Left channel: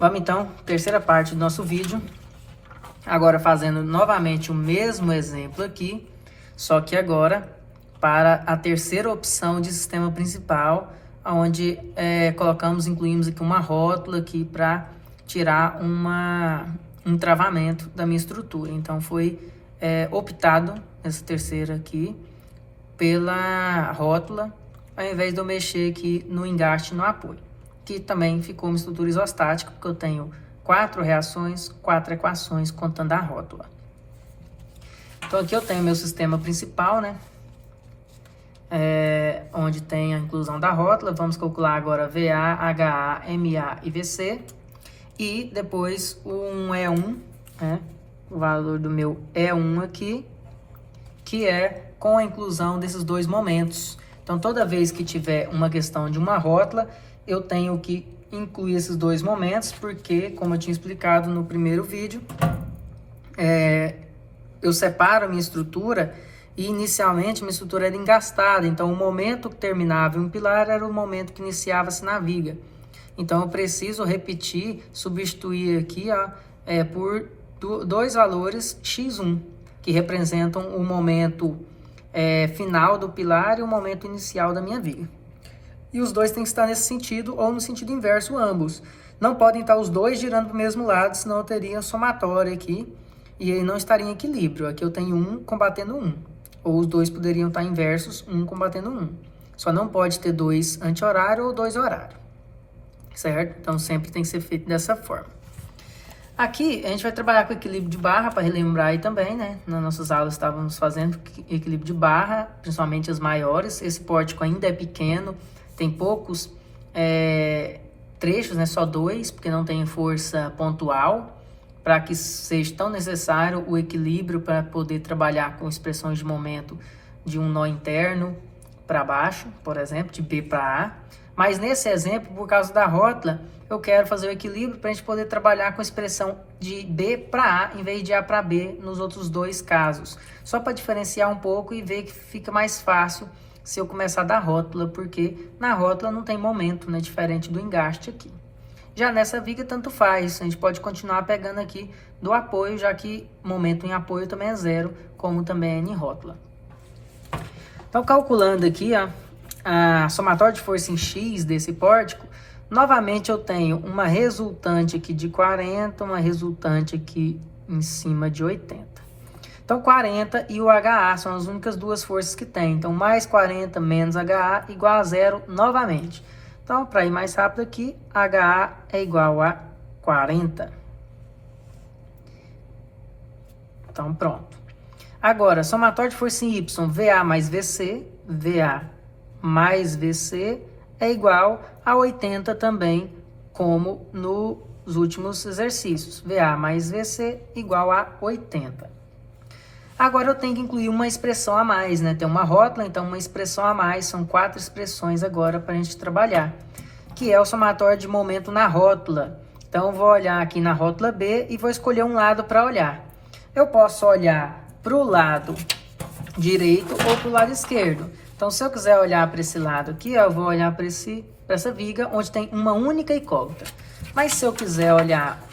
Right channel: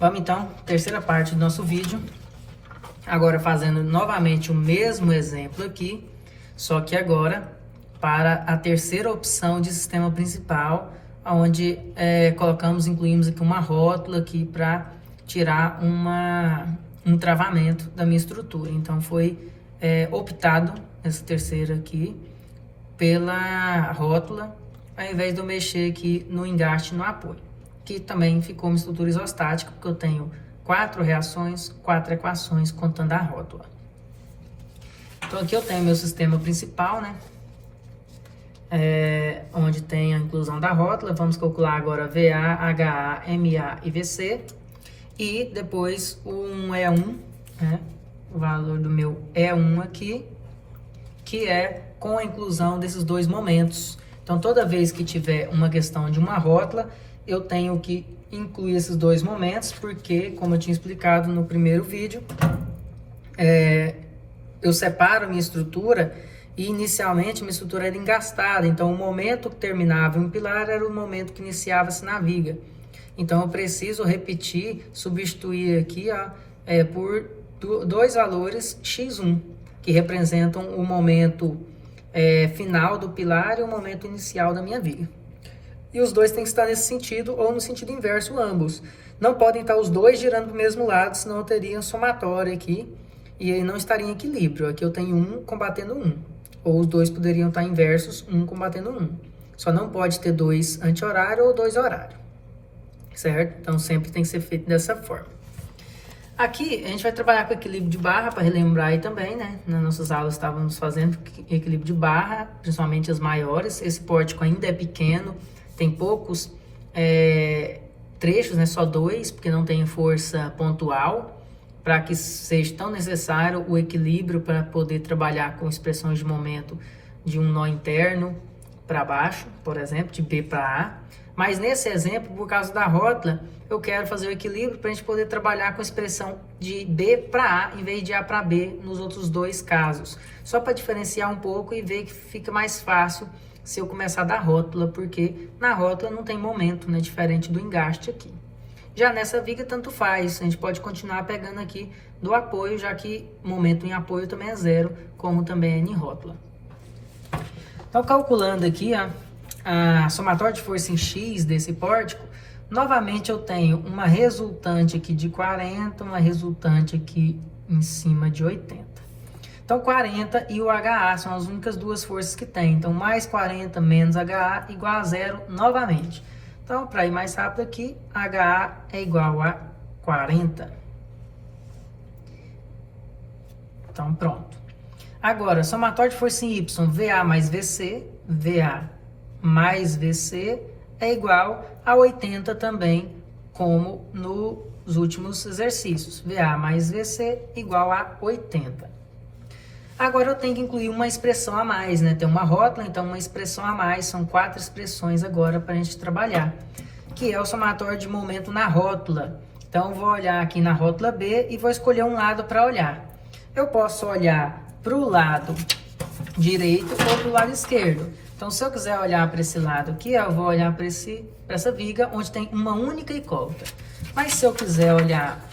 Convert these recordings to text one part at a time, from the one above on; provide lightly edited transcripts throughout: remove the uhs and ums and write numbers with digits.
Vamos então, terceira parte do nosso vídeo. Agora fazendo novamente o mesmo exemplo aqui, só que agora para a terceira opção de sistema principal, onde incluímos aqui uma rótula aqui para tirar um travamento da minha estrutura. Então foi optado nessa terceira aqui pela rótula, ao invés de eu mexer aqui no engaste e no apoio, que também ficou uma estrutura isostática, porque eu tenho 4 reações, 4 equações contando a rótula. Então aqui eu tenho meu sistema principal, né? Onde tem a inclusão da rótula. Vamos calcular agora VA, HA, MA e VC. E depois o 1 E1, né? O valor do meu E1 aqui, que é com a inclusão desses dois momentos. Então toda vez que tiver uma questão de uma rótula, eu tenho que incluir esses dois momentos, porque, como eu tinha explicado no primeiro vídeo, eu separo a minha estrutura e inicialmente minha estrutura era engastada. Então o momento que terminava em um pilar era o momento que iniciava-se na viga. Então eu preciso repetir, substituir aqui por dois valores x1, que representam o momento final do pilar e o momento inicial da minha viga. E os dois têm que estar nesse sentido ou no sentido inverso ambos. Não podem estar os dois girando para o mesmo lado, senão eu teria somatória aqui e aí não estaria em equilíbrio. Aqui eu tenho 1 combatendo 1. Ou os dois poderiam estar inversos, 1 combatendo 1. Só não pode ter 2 anti-horário ou 2 horário. Certo? Então sempre tem que ser feito dessa forma. Aqui a gente vai trabalhar com equilíbrio de barra, para relembrar aí também, né? Nas nossas aulas estávamos fazendo equilíbrio de barra, principalmente as maiores.Esse pórtico ainda é pequeno, tem poucos trechos, né? Só 2, porque não tem força pontual, para que seja tão necessário o equilíbrio para poder trabalhar com expressões de momento de um nó interno para baixo, por exemplo, de B para A. Mas nesse exemplo, por causa da rótula, eu quero fazer o equilíbrio para a gente poder trabalhar com a expressão de B para A, em vez de A para B nos outros dois casos. Só para diferenciar um pouco e ver que fica mais fácil se eu começar da rótula, porque na rótula não tem momento, né, diferente do engaste aqui. Já nessa viga, tanto faz, a gente pode continuar pegando aqui do apoio, já que momento em apoio também é 0, como também é em rótula. Então, calculando aqui, a somatória de força em X desse pórtico, novamente eu tenho uma resultante aqui de 40, uma resultante aqui em cima de 80. Então, 40 e o HA são as únicas duas forças que tem. Então, mais 40 menos HA igual a 0 novamente. Então, para ir mais rápido aqui, HA é igual a 40. Então, pronto. Agora, somatória de força em Y, VA mais VC, VA mais VC é igual a 80 também, como nos últimos exercícios. VA mais VC igual a 80. Agora eu tenho que incluir uma expressão a mais, né? Tem uma rótula, então uma expressão a mais, são 4 expressões agora para a gente trabalhar, que é o somatório de momento na rótula. Então eu vou olhar aqui na rótula B e vou escolher um lado para olhar. Eu posso olhar para o lado direito ou para o lado esquerdo. Então se eu quiser olhar para esse lado aqui, eu vou olhar para essa viga onde tem uma única incógnita. Mas se eu quiser olhar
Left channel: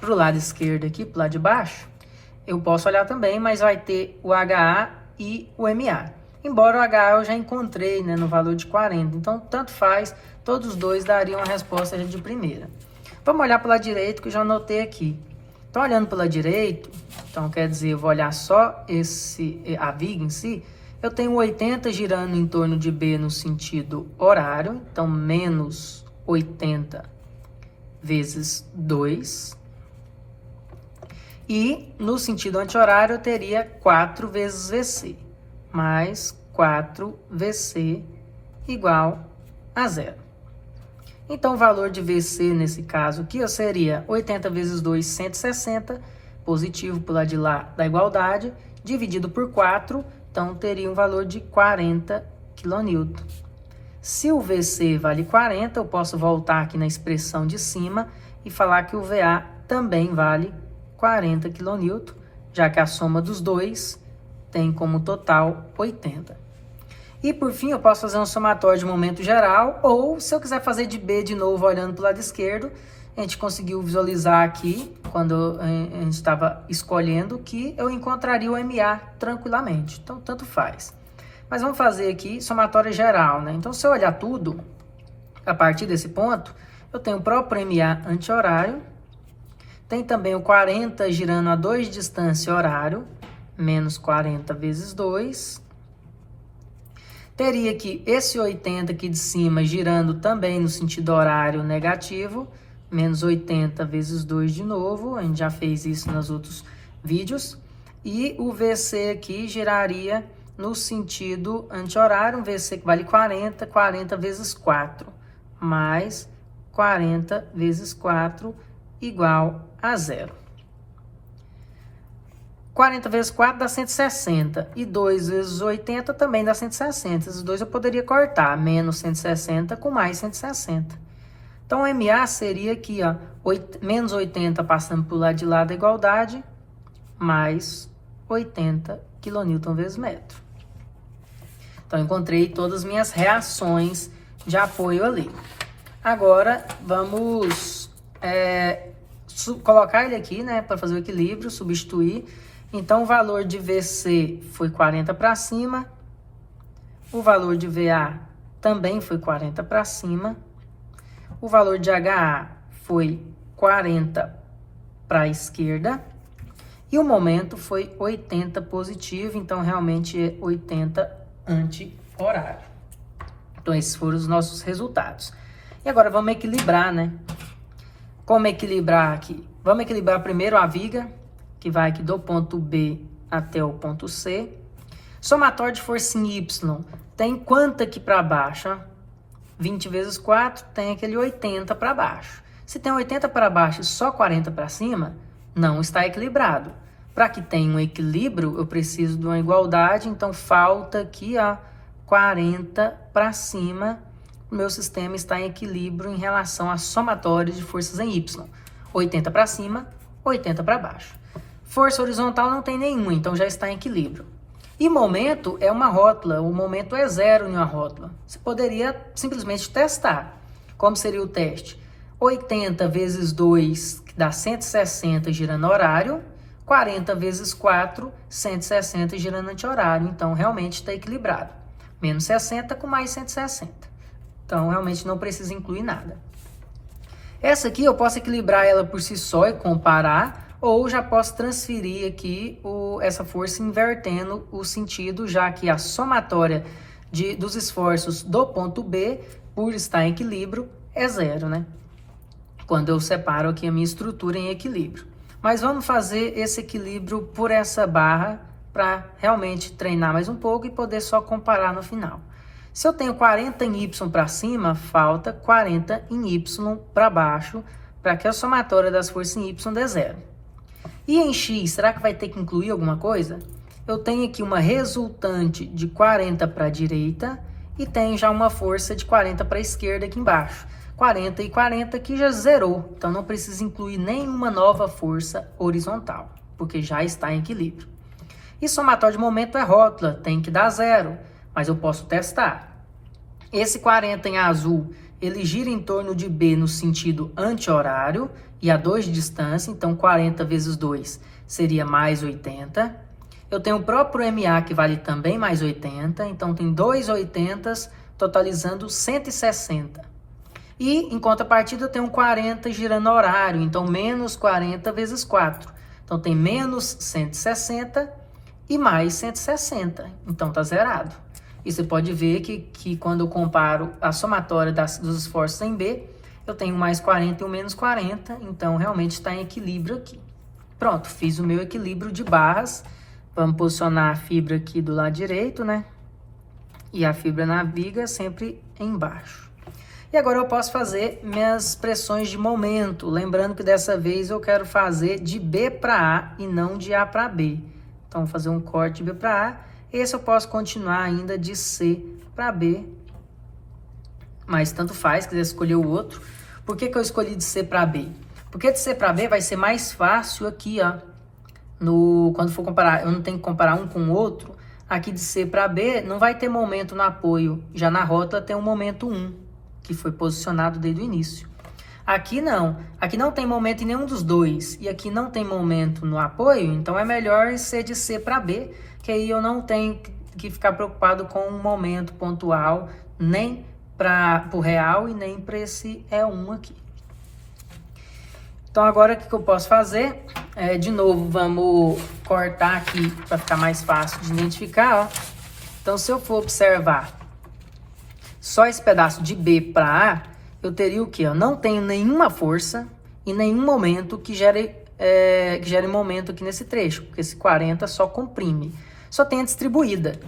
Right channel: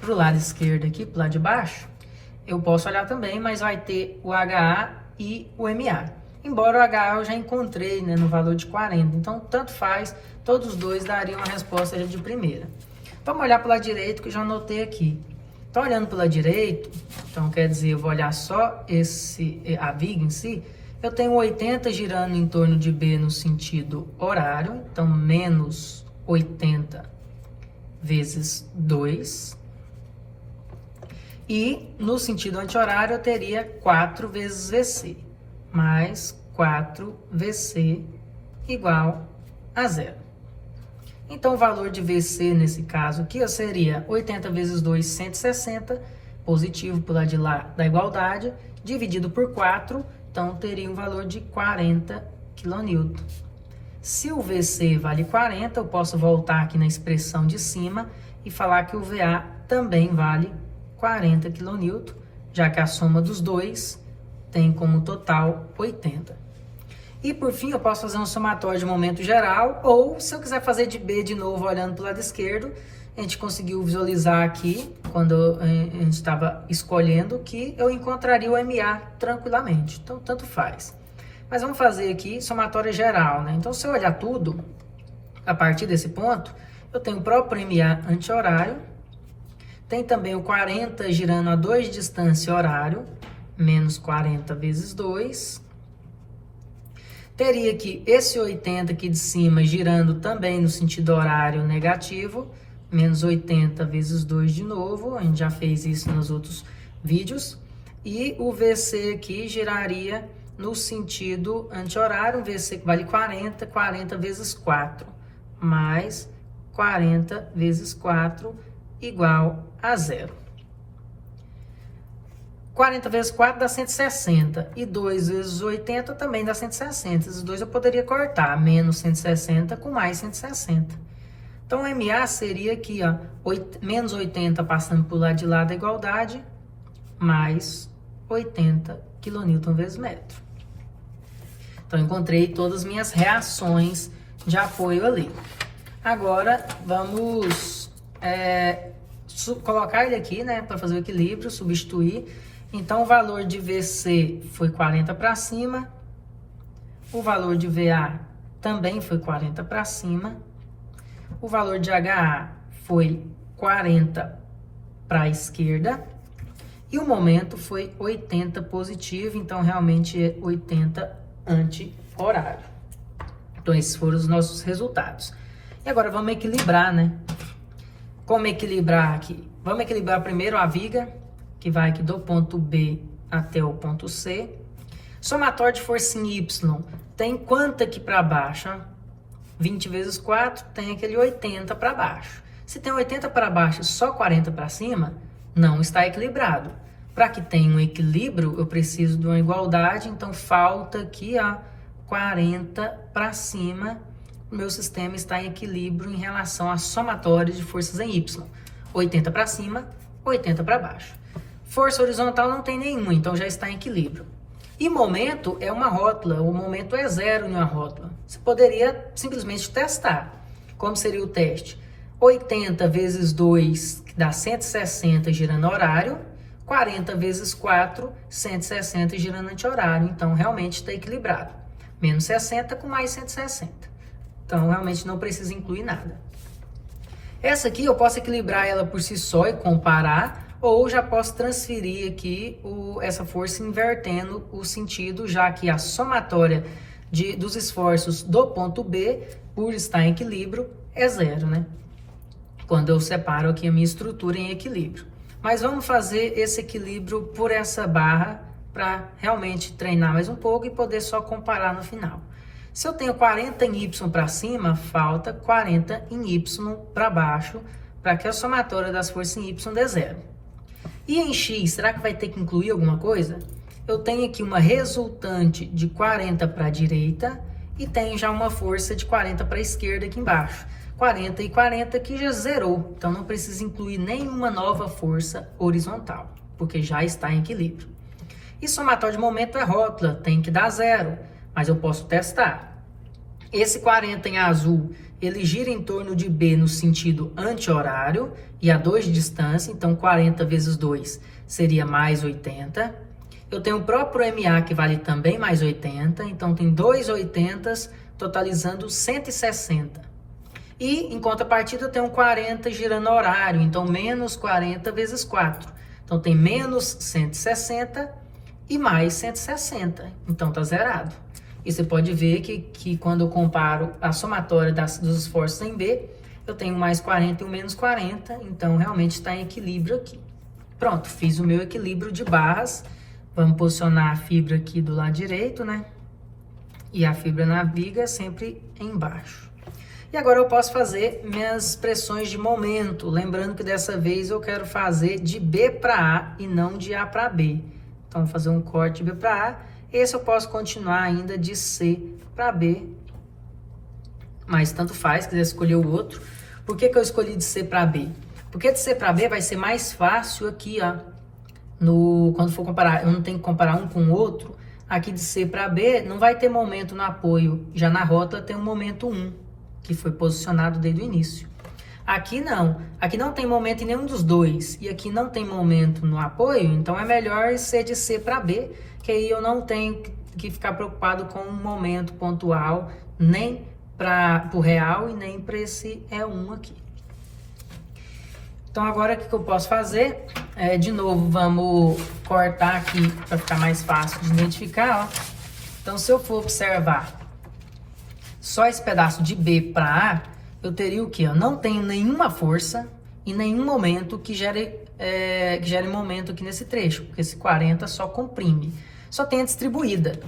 para o lado esquerdo aqui, para o lado de baixo, eu posso olhar também, mas vai ter o HA e o MA. Embora o HA eu já encontrei, né, no valor de 40. Então, tanto faz, todos os dois dariam a resposta de primeira. Vamos olhar para o lado direito, que eu já anotei aqui. Então, olhando para o lado direito, então quer dizer, eu vou olhar só a viga em si. Eu tenho 80 girando em torno de B no sentido horário. Então, menos 80 vezes 2. E no sentido anti-horário eu teria 4 vezes VC, mais 4 VC igual a 0. Então o valor de VC nesse caso aqui seria 80 vezes 2, 160, positivo para o lado de lá da igualdade, dividido por 4, então teria um valor de 40 kN. Se o VC vale 40, eu posso voltar aqui na expressão de cima e falar que o VA também vale 40 kN, já que a soma dos dois tem como total 80. E por fim, eu posso fazer um somatório de momento geral, ou se eu quiser fazer de B de novo olhando para o lado esquerdo, a gente conseguiu visualizar aqui, quando a gente estava escolhendo, que eu encontraria o MA tranquilamente. Então, tanto faz. Mas vamos fazer aqui somatória geral, né? Então, se eu olhar tudo, a partir desse ponto, eu tenho o próprio MA anti-horário, tem também o 40 girando a 2 de distância horário, menos 40 vezes 2. Teria aqui esse 80 aqui de cima girando também no sentido horário negativo, menos 80 vezes 2 de novo, a gente já fez isso nos outros vídeos. E o VC aqui giraria no sentido anti-horário, um VC que vale 40, 40 vezes 4, mais 40 vezes 4 igual a 0. 40 vezes 4 dá 160, e 2 vezes 80 também dá 160. Esses dois eu poderia cortar, menos 160 com mais 160. Então, o MA seria aqui, ó, menos 80 passando para o lado de lá da igualdade, mais 80 kN vezes metro. Então, encontrei todas as minhas reações de apoio ali. Agora, vamos colocar ele aqui, né, para fazer o equilíbrio, substituir. Então, o valor de VC foi 40 para cima, o valor de VA também foi 40 para cima, o valor de HA foi 40 para a esquerda, e o momento foi 80 positivo, então realmente é 80 anti-horário. Então, esses foram os nossos resultados. E agora vamos equilibrar, né? Como equilibrar aqui? Vamos equilibrar primeiro a viga, que vai aqui do ponto B até o ponto C. Somatório de força em Y tem quanto aqui para baixo? 20 vezes 4 tem aquele 80 para baixo. Se tem 80 para baixo e só 40 para cima, não está equilibrado. Para que tenha um equilíbrio, eu preciso de uma igualdade, então falta aqui, ó, 40 para cima. O meu sistema está em equilíbrio em relação à somatória de forças em Y. 80 para cima, 80 para baixo. Força horizontal não tem nenhuma, então já está em equilíbrio. E momento é uma rótula, o momento é zero em uma rótula. Você poderia simplesmente testar. Como seria o teste? 80 vezes 2, que dá 160 girando horário, 40 vezes 4, 160 girando anti-horário. Então, realmente está equilibrado. Menos 60 com mais 160. Então, realmente não precisa incluir nada. Essa aqui eu posso equilibrar ela por si só e comparar, ou já posso transferir aqui essa força invertendo o sentido, já que a somatória dos esforços do ponto B, por estar em equilíbrio, é zero, né? Quando eu separo aqui a minha estrutura em equilíbrio. Mas vamos fazer esse equilíbrio por essa barra para realmente treinar mais um pouco e poder só comparar no final. Se eu tenho 40 em Y para cima, falta 40 em Y para baixo, para que a somatória das forças em Y dê zero. E em X, será que vai ter que incluir alguma coisa? Eu tenho aqui uma resultante de 40 para a direita e tem já uma força de 40 para a esquerda aqui embaixo. 40 e 40 aqui já zerou, então não precisa incluir nenhuma nova força horizontal, porque já está em equilíbrio. E somatório de momento é rótula, tem que dar zero, mas eu posso testar. Esse 40 em azul, ele gira em torno de B no sentido anti-horário e a 2 de distância, então 40 vezes 2 seria mais 80. Eu tenho o próprio MA que vale também mais 80, então tem 2 80s, totalizando 160. E em contrapartida eu tenho 40 girando horário, então menos 40 vezes 4. Então tem menos 160 e mais 160, então tá zerado. E você pode ver que quando eu comparo a somatória dos esforços em B, eu tenho mais 40 e o menos 40, então realmente está em equilíbrio aqui. Pronto, fiz o meu equilíbrio de barras. Vamos posicionar a fibra aqui do lado direito, né? E a fibra na viga sempre embaixo. E agora eu posso fazer minhas pressões de momento. Lembrando que dessa vez eu quero fazer de B para A e não de A para B. Então, vou fazer um corte de B para A. Esse eu posso continuar ainda de C para B, mas tanto faz, quiser escolher o outro. Por que eu escolhi de C para B? Porque de C para B vai ser mais fácil aqui, ó, quando for comparar, eu não tenho que comparar um com o outro. Aqui de C para B não vai ter momento no apoio, já na rótula tem um momento 1, que foi posicionado desde o início. Aqui não. Aqui não tem momento em nenhum dos dois. E aqui não tem momento no apoio, então é melhor ser de C para B, que aí eu não tenho que ficar preocupado com um momento pontual, nem para o real e nem para esse E1 aqui. Então agora o que eu posso fazer? De novo, vamos cortar aqui para ficar mais fácil de identificar. Ó. Então se eu for observar só esse pedaço de B para A, eu teria o quê? Eu não tenho nenhuma força e nenhum momento que gere momento aqui nesse trecho, porque esse 40 só comprime. Só tem a distribuída.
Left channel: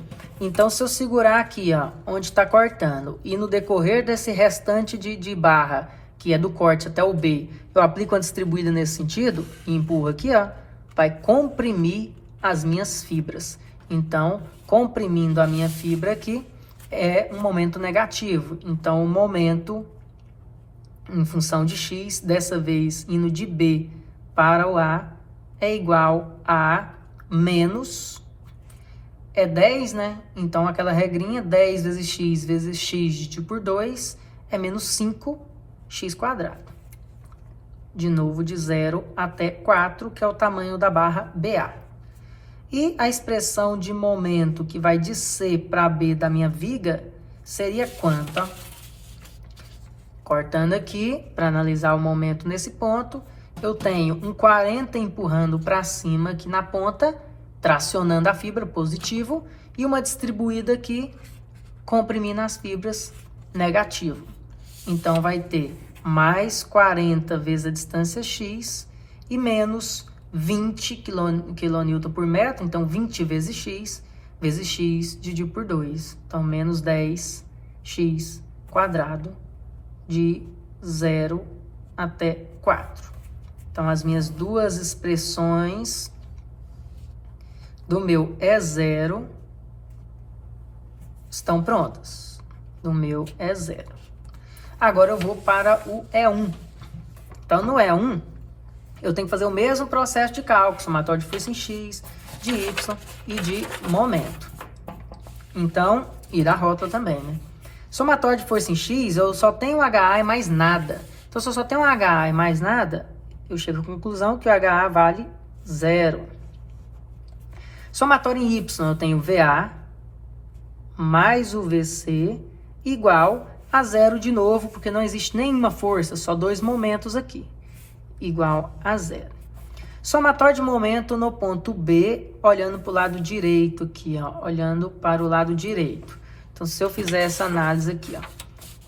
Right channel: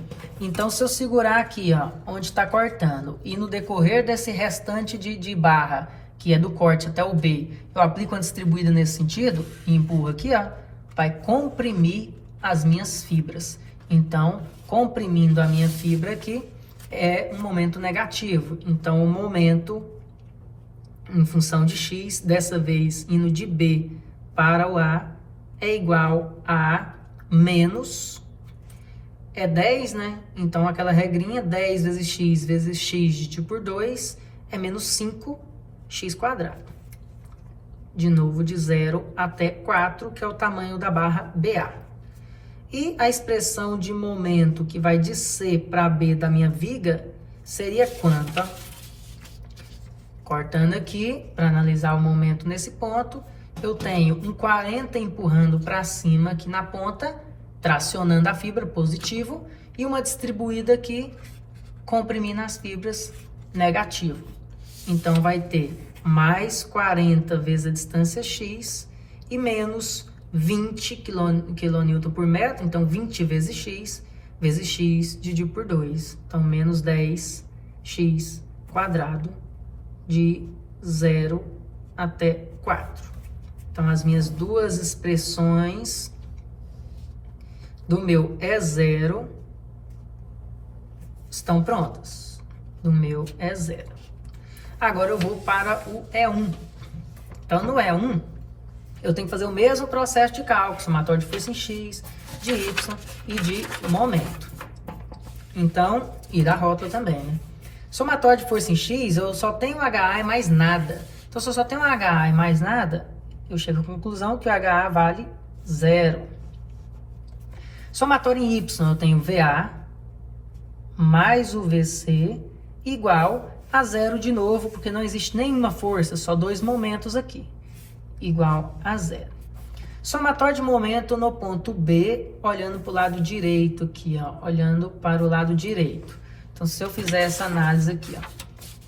Então, se eu segurar aqui, ó, onde está cortando, e no decorrer desse restante de barra, que é do corte até o B, eu aplico a distribuída nesse sentido, e empurro aqui, ó, vai comprimir as minhas fibras. Então, comprimindo a minha fibra aqui, é um momento negativo. Então, o momento em função de x, dessa vez indo de B para o A, é igual a menos... É 10, né? Então, aquela regrinha, 10 vezes x dividido por 2 é menos 5x². De novo, de 0 até 4, que é o tamanho da barra BA. E a expressão de momento que vai de C para B da minha viga seria quanto? Cortando aqui, para analisar o momento nesse ponto, eu tenho um 40 empurrando para cima aqui na ponta, tracionando a fibra, positivo, e uma distribuída aqui, comprimindo as fibras, negativo. Então, vai ter mais 40 vezes a distância x e menos 20 kN por metro, então 20 vezes x dividido por 2. Então, menos 10x² de 0 até 4. Então, as minhas duas expressões do meu E0 estão prontas. Do meu E0. Agora eu vou para o E1. Então, no E1, eu tenho que fazer o mesmo processo de cálculo, somatório de força em X, de Y e de momento. Então, e da rótula também, né? Somatório de força em X, eu só tenho HA e mais nada. Então, se eu só tenho HA e mais nada, eu chego à conclusão que o HA vale 0. Somatório em Y, eu tenho VA mais o VC igual a 0 de novo, porque não existe nenhuma força, só dois momentos aqui, igual a 0. Somatório de momento no ponto B, olhando para o lado direito aqui, ó, olhando para o lado direito. Então, se eu fizer essa análise aqui, ó,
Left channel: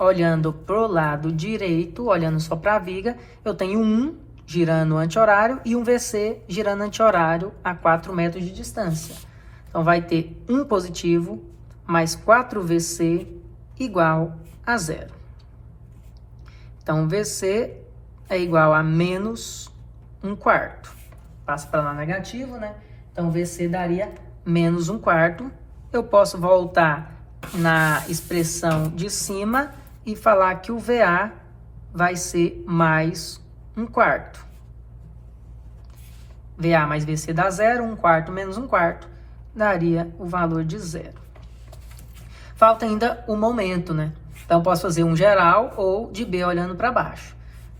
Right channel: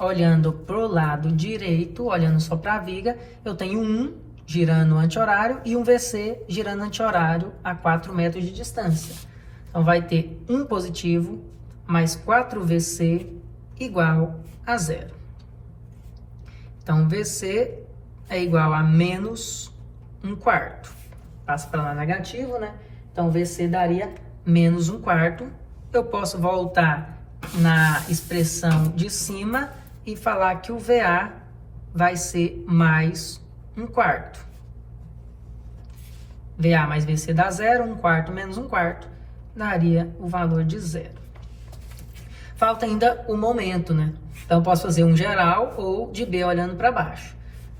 olhando para o lado direito, olhando só para a viga, eu tenho 1 girando anti-horário e um VC girando anti-horário a 4 metros de distância. Então, vai ter 1 positivo mais 4VC igual a 0. Então, VC é igual a menos 1/4. Passa para lá negativo, né? Então, VC daria menos 1/4. Eu posso voltar na expressão de cima e falar que o VA vai ser mais 1/4. VA mais VC dá 0, 1/4 menos 1/4 daria o valor de 0. Falta ainda o momento, né? Então, posso fazer um geral ou de B olhando para baixo.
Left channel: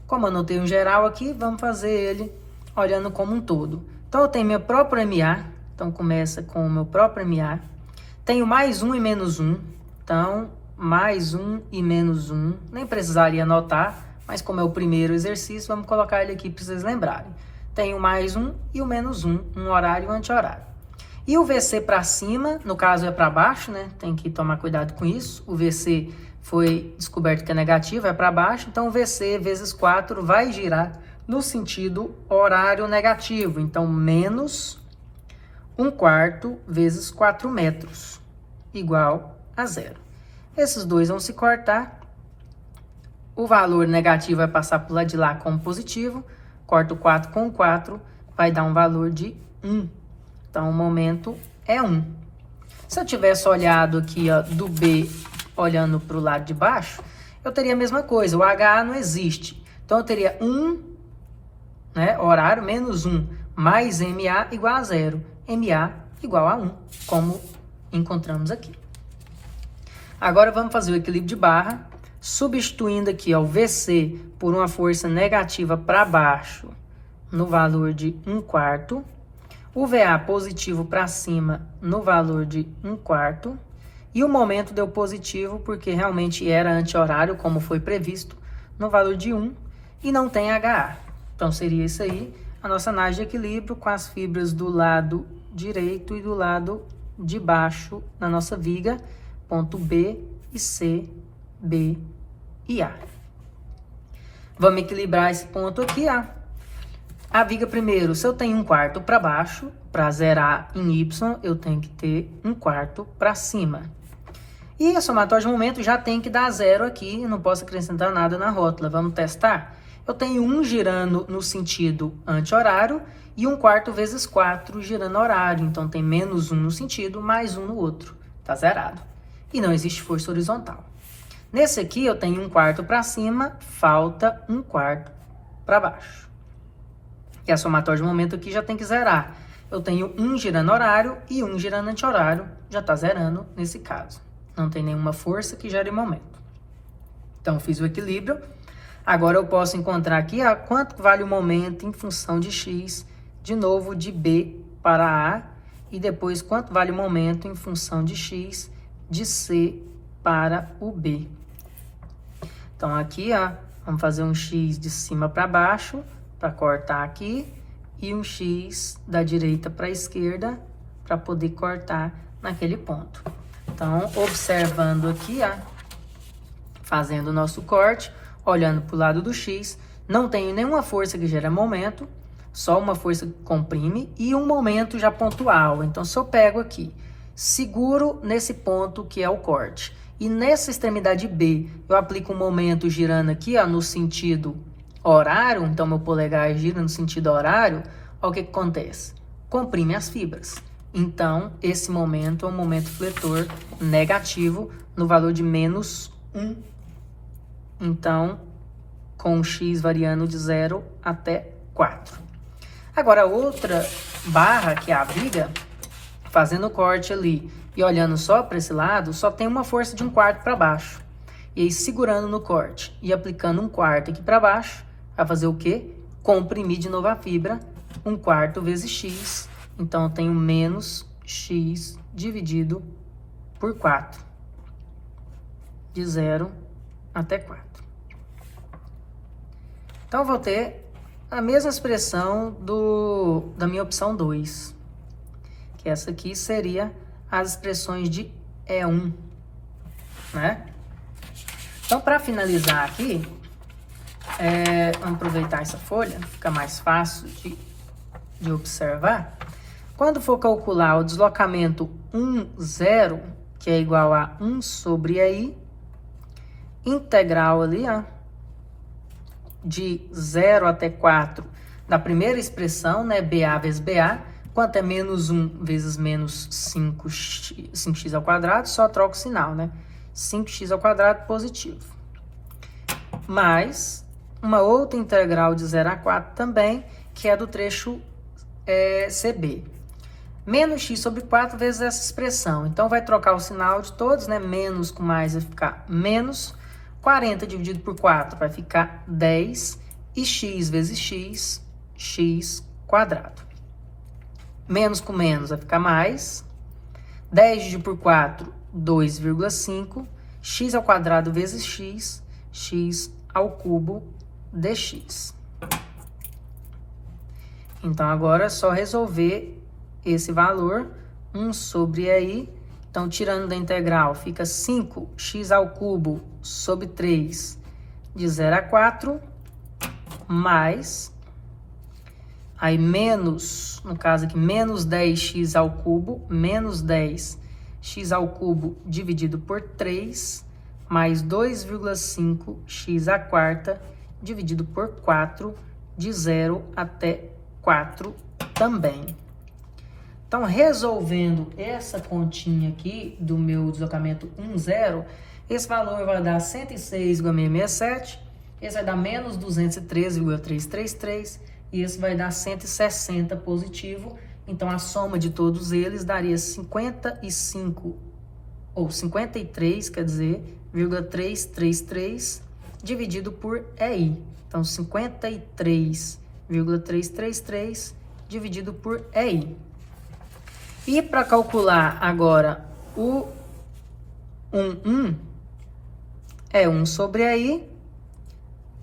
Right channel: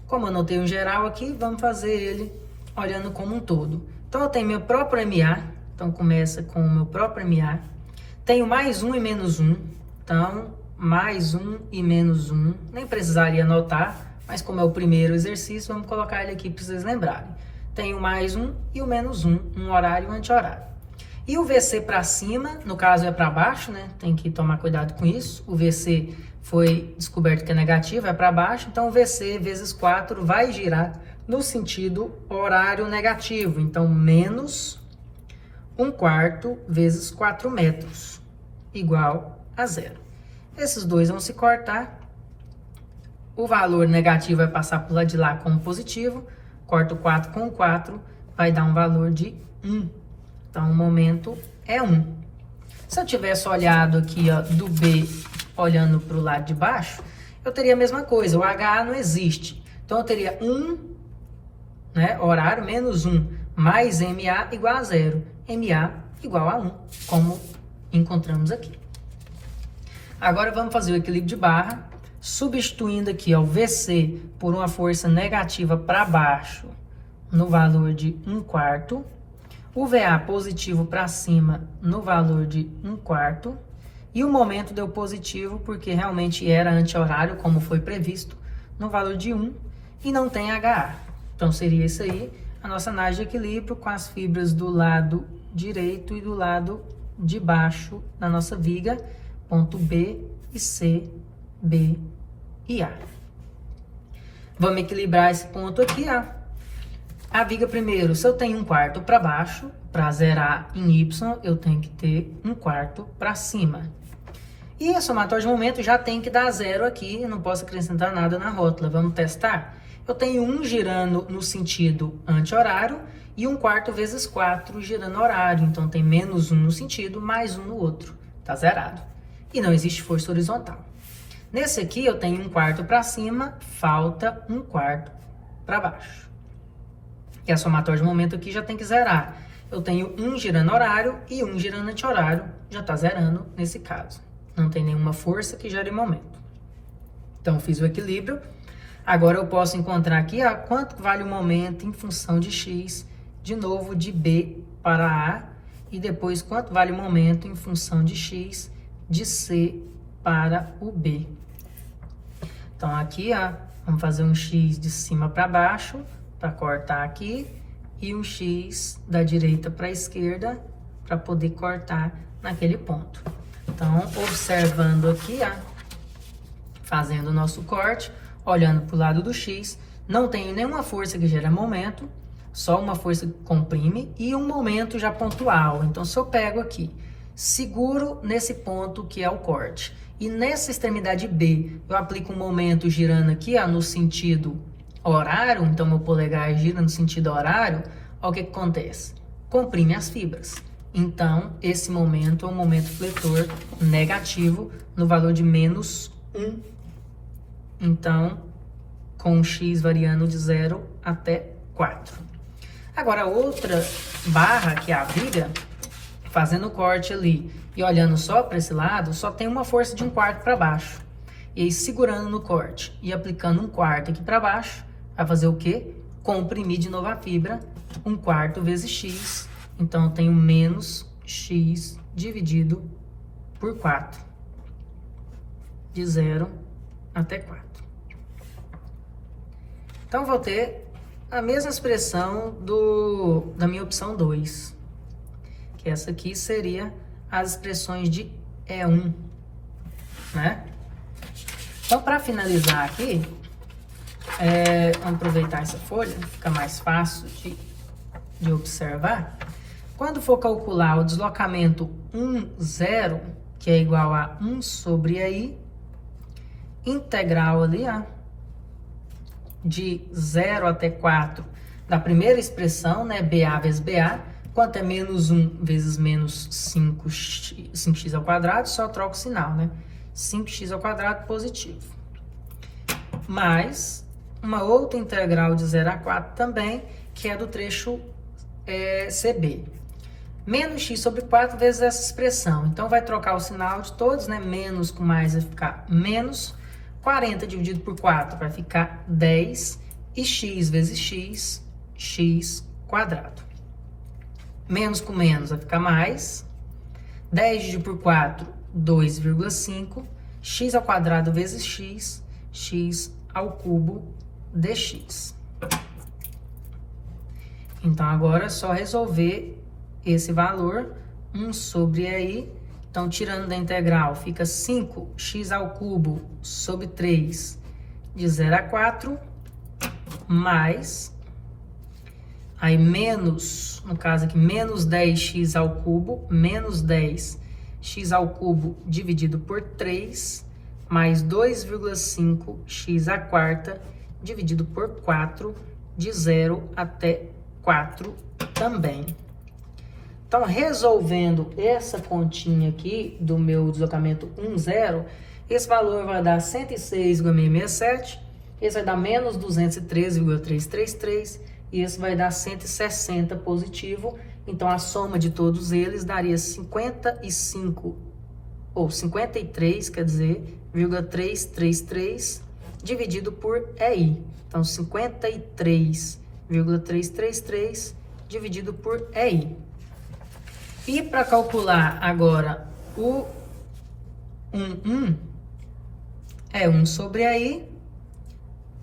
Como eu não tenho um geral aqui, vamos fazer ele olhando como um todo. Então, eu tenho meu próprio MA. Então, começa com o meu próprio MA. Tenho mais 1 e menos 1. Então, mais 1 e menos 1. Nem precisaria anotar, mas como é o primeiro exercício, vamos colocar ele aqui para vocês lembrarem. Tenho mais 1 e o menos 1, um horário e um anti-horário. E o VC para cima, no caso é para baixo, né? Tem que tomar cuidado com isso. O VC foi descoberto que é negativo, é para baixo. Então, o VC vezes 4 vai girar no sentido horário negativo. Então, menos 1/4 vezes 4 metros, igual a 0. Esses dois vão se cortar. O valor negativo vai passar para o lado de lá como positivo. Corto 4 com 4, vai dar um valor de 1. Então, o momento é 1. Se eu tivesse olhado aqui, ó, do B, olhando para o lado de baixo, eu teria a mesma coisa. O HA não existe. Então, eu teria 1, né, horário, menos 1, mais MA igual a 0. MA igual a 1, como encontramos aqui. Agora, vamos fazer o equilíbrio de barra. Substituindo aqui, ó, o VC por uma força negativa para baixo no valor de 1/4, o VA positivo para cima no valor de 1/4, e o momento deu positivo porque realmente era anti-horário, como foi previsto, no valor de 1, e não tem HA. Então seria isso aí, a nossa análise de equilíbrio com as fibras do lado direito e do lado de baixo na nossa viga, ponto B e C, B e A. Vamos equilibrar esse ponto aqui, a viga primeiro, se eu tenho 1/4 para baixo, para zerar em Y, eu tenho que ter 1/4 para cima. E a somatória de momento já tem que dar 0 aqui, eu não posso acrescentar nada na rótula. Vamos testar? Eu tenho 1 girando no sentido anti-horário e 1/4 vezes 4 girando horário. Então tem menos 1 no sentido, mais 1 no outro. Tá zerado. E não existe força horizontal. Nesse aqui eu tenho 1/4 para cima, falta 1/4 para baixo. E a somatória de momento aqui já tem que zerar. Eu tenho 1 girando horário e 1 girando anti-horário, já está zerando nesse caso. Não tem nenhuma força que gere momento. Então, eu fiz o equilíbrio. Agora, eu posso encontrar aqui quanto vale o momento em função de X, de novo, de B para A, e depois quanto vale o momento em função de X, de C para o B. Então, aqui, vamos fazer um X de cima para baixo, para cortar aqui, e um X da direita para a esquerda, para poder cortar naquele ponto. Então, observando aqui, fazendo o nosso corte, olhando para o lado do X, não tenho nenhuma força que gera momento, só uma força que comprime e um momento já pontual. Então, se eu pego aqui, seguro nesse ponto que é o corte, e nessa extremidade B, eu aplico um momento girando aqui, no sentido horário, então meu polegar gira no sentido horário, olha o que acontece? Comprime as fibras. Então, esse momento é um momento fletor negativo no valor de menos 1. Então, com o X variando de 0 até 4. Agora, a outra barra, que é a viga, fazendo o corte ali e olhando só para esse lado, só tem uma força de 1/4 para baixo. E aí, segurando no corte e aplicando 1/4 aqui para baixo, vai fazer o quê? Comprimir de novo a fibra, 1/4 vezes X. Então, eu tenho menos X dividido por 4. De 0 até 4. Então, eu vou ter a mesma expressão da minha opção 2. Que essa aqui seria as expressões de E1, né? Então, para finalizar aqui, vamos aproveitar essa folha, fica mais fácil de observar. Quando for calcular o deslocamento 1, 0, que é igual a 1 sobre EI, integral ali, de 0 até 4, da primeira expressão, né, BA vezes BA, quanto é menos 1 vezes menos 5x ao quadrado, só troca o sinal, né? 5x ao quadrado positivo. Mais uma outra integral de 0 a 4 também, que é do trecho CB. Menos x sobre 4 vezes essa expressão. Então, vai trocar o sinal de todos, né? Menos com mais vai ficar menos. 40 dividido por 4 vai ficar 10. E x vezes x, x quadrado. Menos com menos vai ficar mais. 10 dividido por 4, 2,5. X ao quadrado vezes x, x ao cubo dx. Então, agora é só resolver esse valor, 1 sobre EI. Então, tirando da integral, fica 5x ao cubo sobre 3 de 0 a 4, mais, aí menos, no caso aqui, menos 10x ao cubo, menos 10x ao cubo dividido por 3, mais 2,5x à quarta dividido por 4, de 0 até 4 também. Então, resolvendo essa continha aqui do meu deslocamento 1, 0, esse valor vai dar 106,667, esse vai dar menos 213,333 e esse vai dar 160 positivo. Então, a soma de todos eles daria 55, ou 53, quer dizer, 53,333 dividido por EI. Então, 53,333 dividido por EI. E para calcular agora o 1 é 1 sobre EI.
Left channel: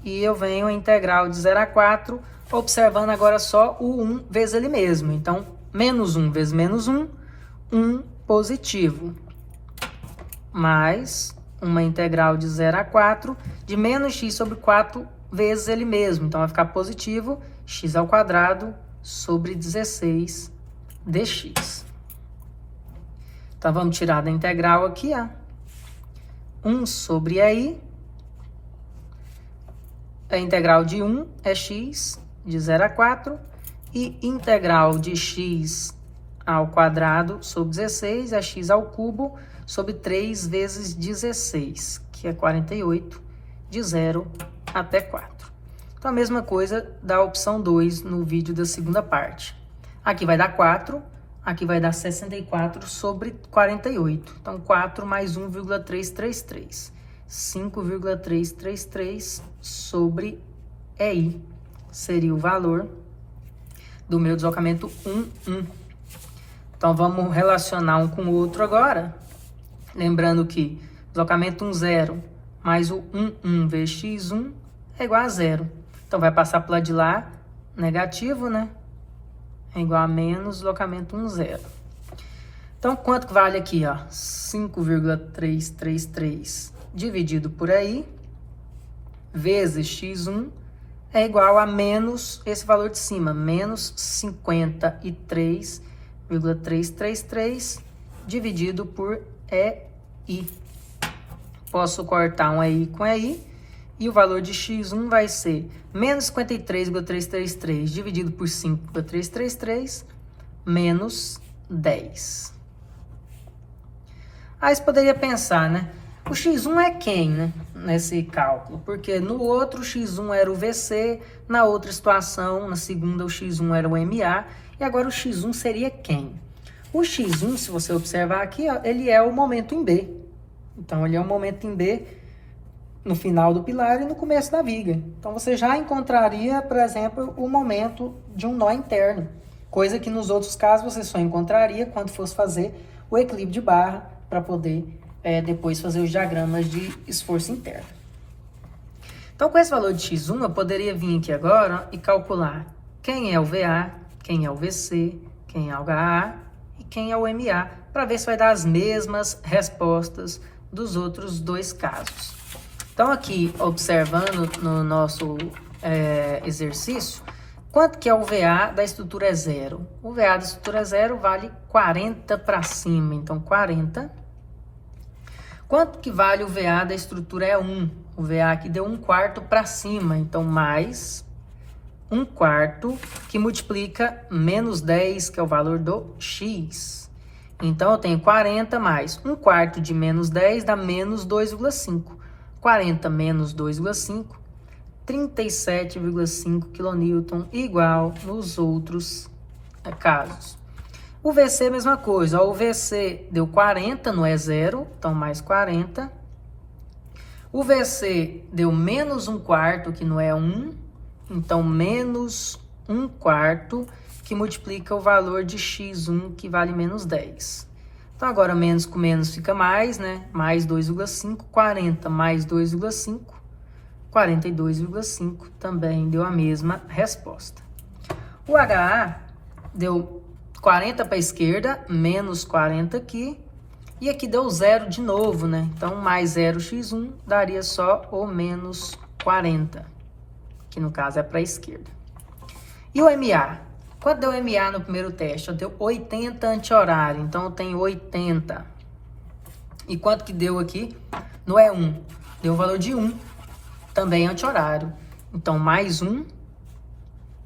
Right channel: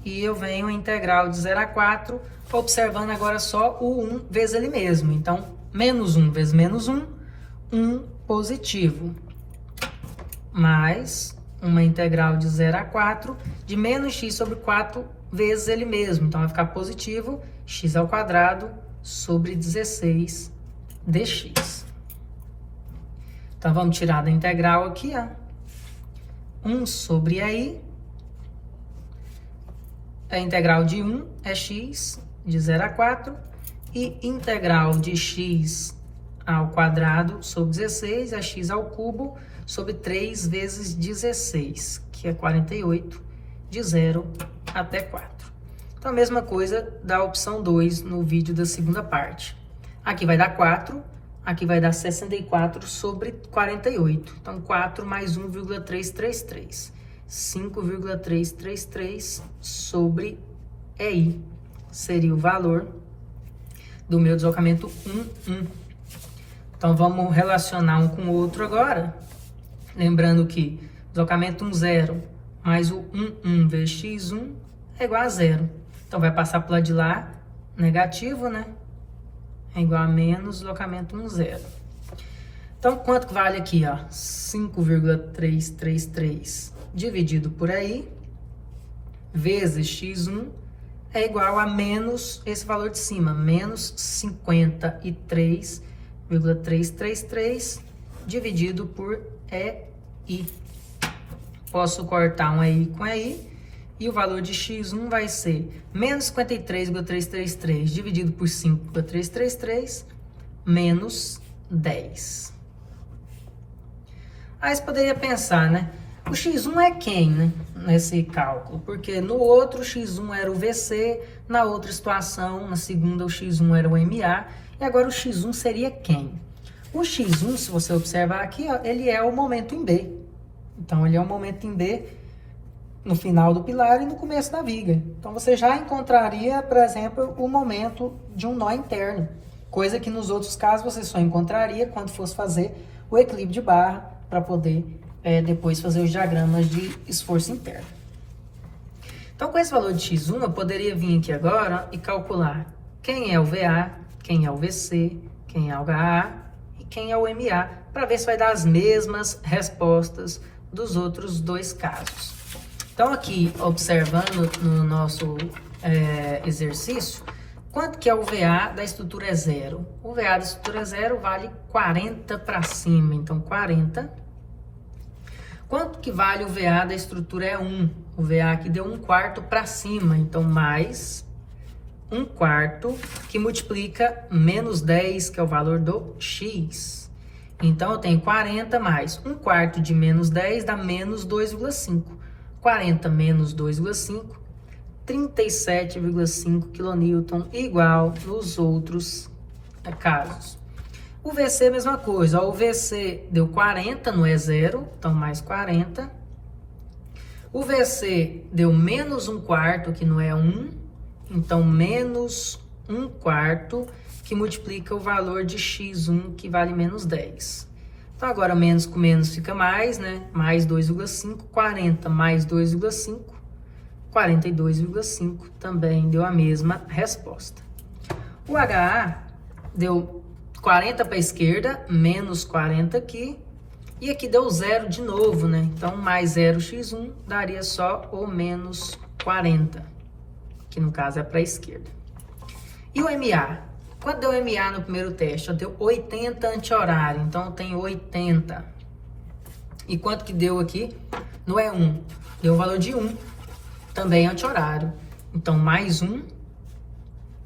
E eu venho a integral de 0 a 4, observando agora só o 1 vezes ele mesmo. Então, menos 1 vezes menos 1, 1 positivo. Mais uma integral de 0 a 4 de menos x sobre 4 vezes ele mesmo. Então, vai ficar positivo x ao quadrado sobre 16 dx. Então, vamos tirar da integral aqui, ó. 1 sobre EI. A integral de 1 é x de 0 a 4. E integral de x ao quadrado sobre 16 é x ao cubo sobre 3 vezes 16, que é 48, de 0 até 4. Então, a mesma coisa da opção 2 no vídeo da segunda parte. Aqui vai dar 4, aqui vai dar 64 sobre 48. Então, 4 mais 1,333. 5,333 sobre EI seria o valor do meu deslocamento 1. Então, vamos relacionar um com o outro agora. Lembrando que deslocamento 0 mais o 1 vezes x1 é igual a 0. Então, vai passar para o lado de lá, negativo, né? É igual a menos deslocamento 0. Então, quanto que vale aqui, ó? 5,333 dividido por EI vezes x1 é igual a menos esse valor de cima, menos 53,333 dividido por EI. Posso cortar um EI com EI e o valor de x1 vai ser menos 53,333 dividido por 5,333 menos 10. Aí você poderia pensar, né? O x1 é quem, né, nesse cálculo? Porque no outro o x1 era o VC, na outra situação, na segunda, o x1 era o MA, e agora o x1 seria quem? O x1, se você observar aqui, ó, ele é o momento em B. Então, ele é o momento em B no final do pilar e no começo da viga. Então, você já encontraria, por exemplo, o momento de um nó interno, coisa que nos outros casos você só encontraria quando fosse fazer o equilíbrio de barra para poder depois fazer os diagramas de esforço interno. Então, com esse valor de x1, eu poderia vir aqui agora e calcular quem é o VA, quem é o VC, quem é o HA e quem é o MA, para ver se vai dar as mesmas respostas dos outros dois casos. Então, aqui, observando no nosso exercício, quanto que é o VA da estrutura é 0? O VA da estrutura é 0 vale 40 para cima, então 40. Quanto que vale o VA da estrutura é 1? O VA aqui deu 1/4 para cima, então mais 1/4 que multiplica menos 10, que é o valor do x. Então, eu tenho 40 mais 1/4 de menos 10 dá menos 2,5. 40 menos 2,5, 37,5 kN, igual nos outros casos. O VC é a mesma coisa, ó, o VC deu 40, não é 0, então mais 40. O VC deu menos 1/4, que não é 1, então menos 1/4, que multiplica o valor de x1, que vale menos 10. Então, agora menos com menos fica mais, né? Mais 2,5, 40 mais 2,5, 42,5, também deu a mesma resposta. O HA deu 40 para a esquerda, menos 40 aqui, e aqui deu 0 de novo, né? Então, mais 0x1 daria só o menos 40, que no caso é para a esquerda. E o MA? Quanto deu MA no primeiro teste? Eu deu 80 anti-horário, então eu tenho 80. E quanto que deu aqui? No E1, deu o valor de 1, também anti-horário. Então, mais 1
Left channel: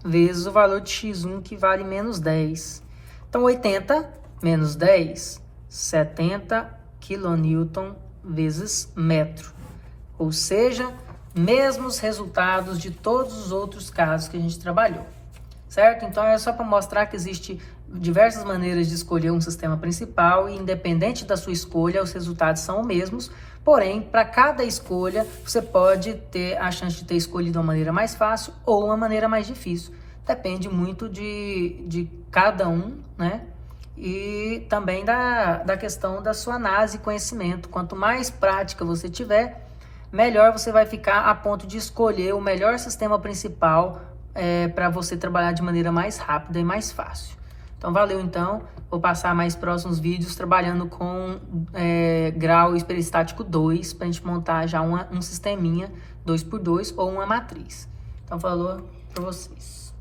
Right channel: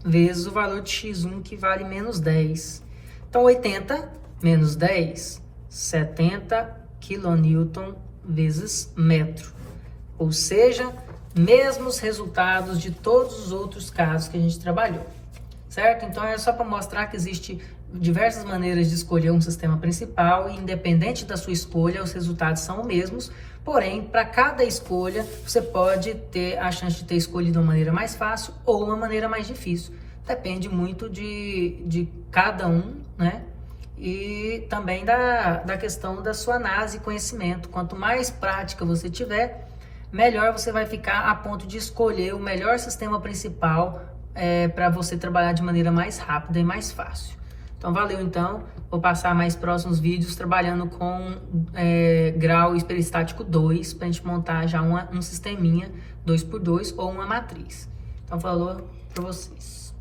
vezes o valor de x1, que vale menos 10. Então, 80 menos 10, 70 kN vezes metro. Ou seja, mesmos resultados de todos os outros casos que a gente trabalhou. Certo? Então, é só para mostrar que existe diversas maneiras de escolher um sistema principal e, independente da sua escolha, os resultados são os mesmos, Porém, para cada escolha, você pode ter a chance de ter escolhido uma maneira mais fácil ou uma maneira mais difícil. Depende muito de cada um, né? E também da questão da sua análise e conhecimento. Quanto mais prática você tiver, melhor você vai ficar a ponto de escolher o melhor sistema principal para você trabalhar de maneira mais rápida e mais fácil. Então, valeu então. Vou passar mais próximos vídeos trabalhando com grau hiperestático 2, para a gente montar já um sisteminha 2x2 ou uma matriz. Então, falou para vocês.